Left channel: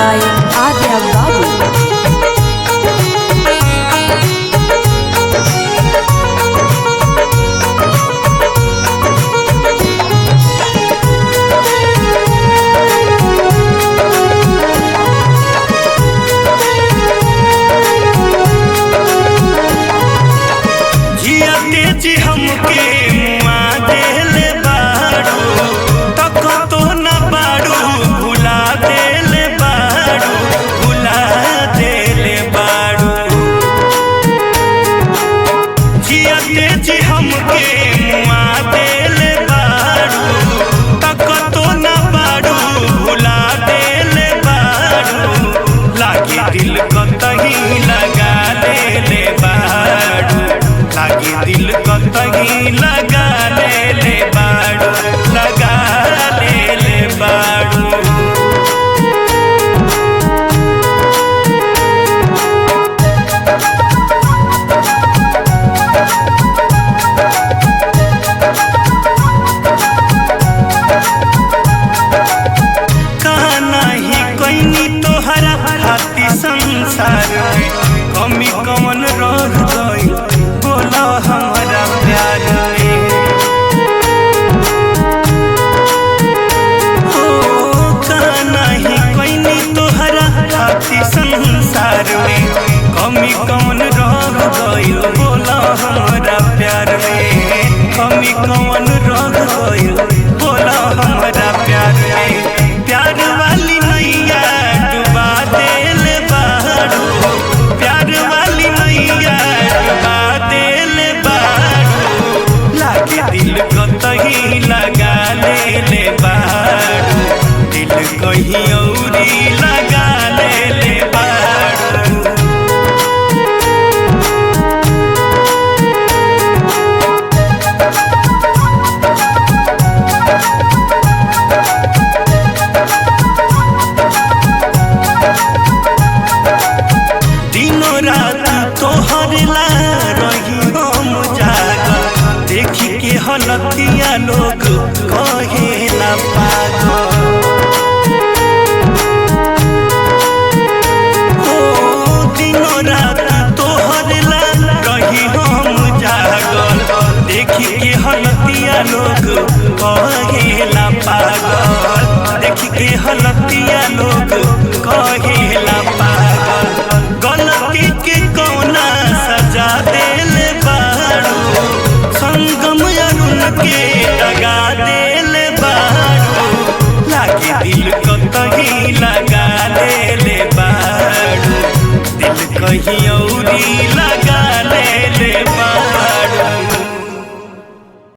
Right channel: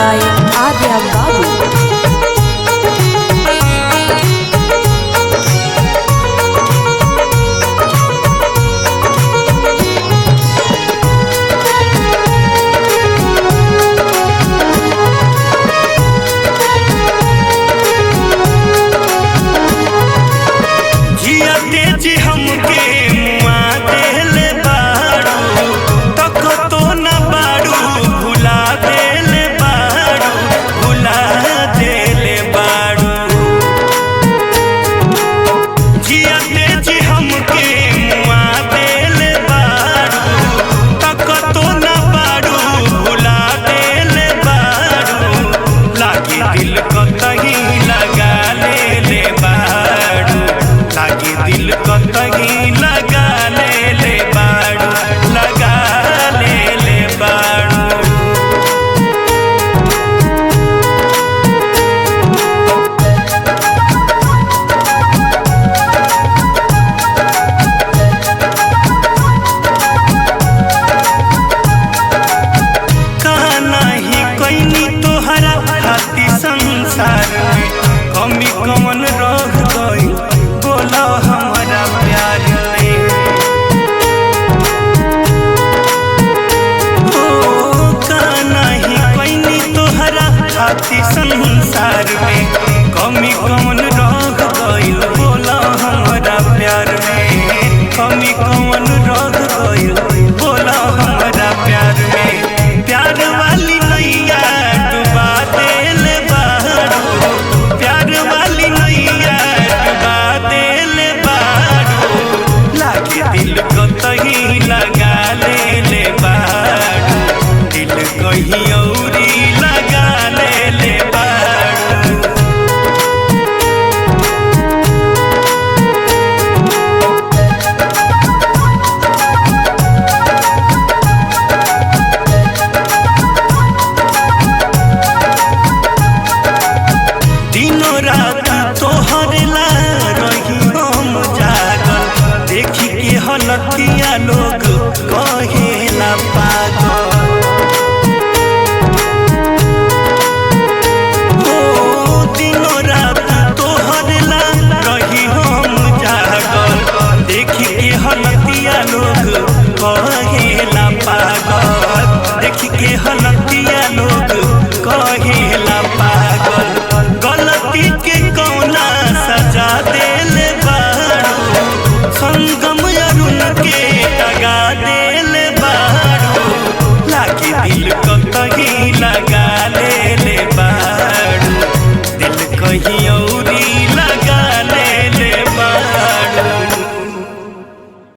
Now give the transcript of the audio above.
by Adya Babu. जी हमके मुआ देले बाड़ू तक तो न बाड़ू भुला देले बाड़ू भुला देले बाड़ू जियते जी हमके मुआ देले बाड़ू तक तो न बाड़ू भुला देले बाड़ू लागे दिल कतही लगा ले बाड़ू लागे दिल कतही लगा ले बाड़ू लगा ले बाड़ू। कहना ही कोई तोहरा खाती संसार में कमी कमन रह गई बोला हमारा प्यार में हो कहना ही कोई तोहरा खाती संसार में कमी कमन रह गई बोला हमारा प्यार में कमी कमन रह गई बोला हमारा प्यार में प्यार वाली नैया डुबा देल बाड़ू प्यार वाली नैया डुबा देल बाड़ू लागे दिल कतही लगा ले बाड़ू दिल कहीं औरी लगा ले बाड़ू। दिनों रात तोहर ला रही हम जागल देखी के हलतिया लोग कहेला पागल हो दिनों रात तोहर ला रही हम जागल देखी के हलतिया लोग कहेला पागल देखी के हलतिया लोग कहेला पागल गलती के कौना सजा देले बाड़ू संगम अरुण के दगा देले बाड़ू लागे दिल कतही लगा ले बाड़ू दिल कहीं औरी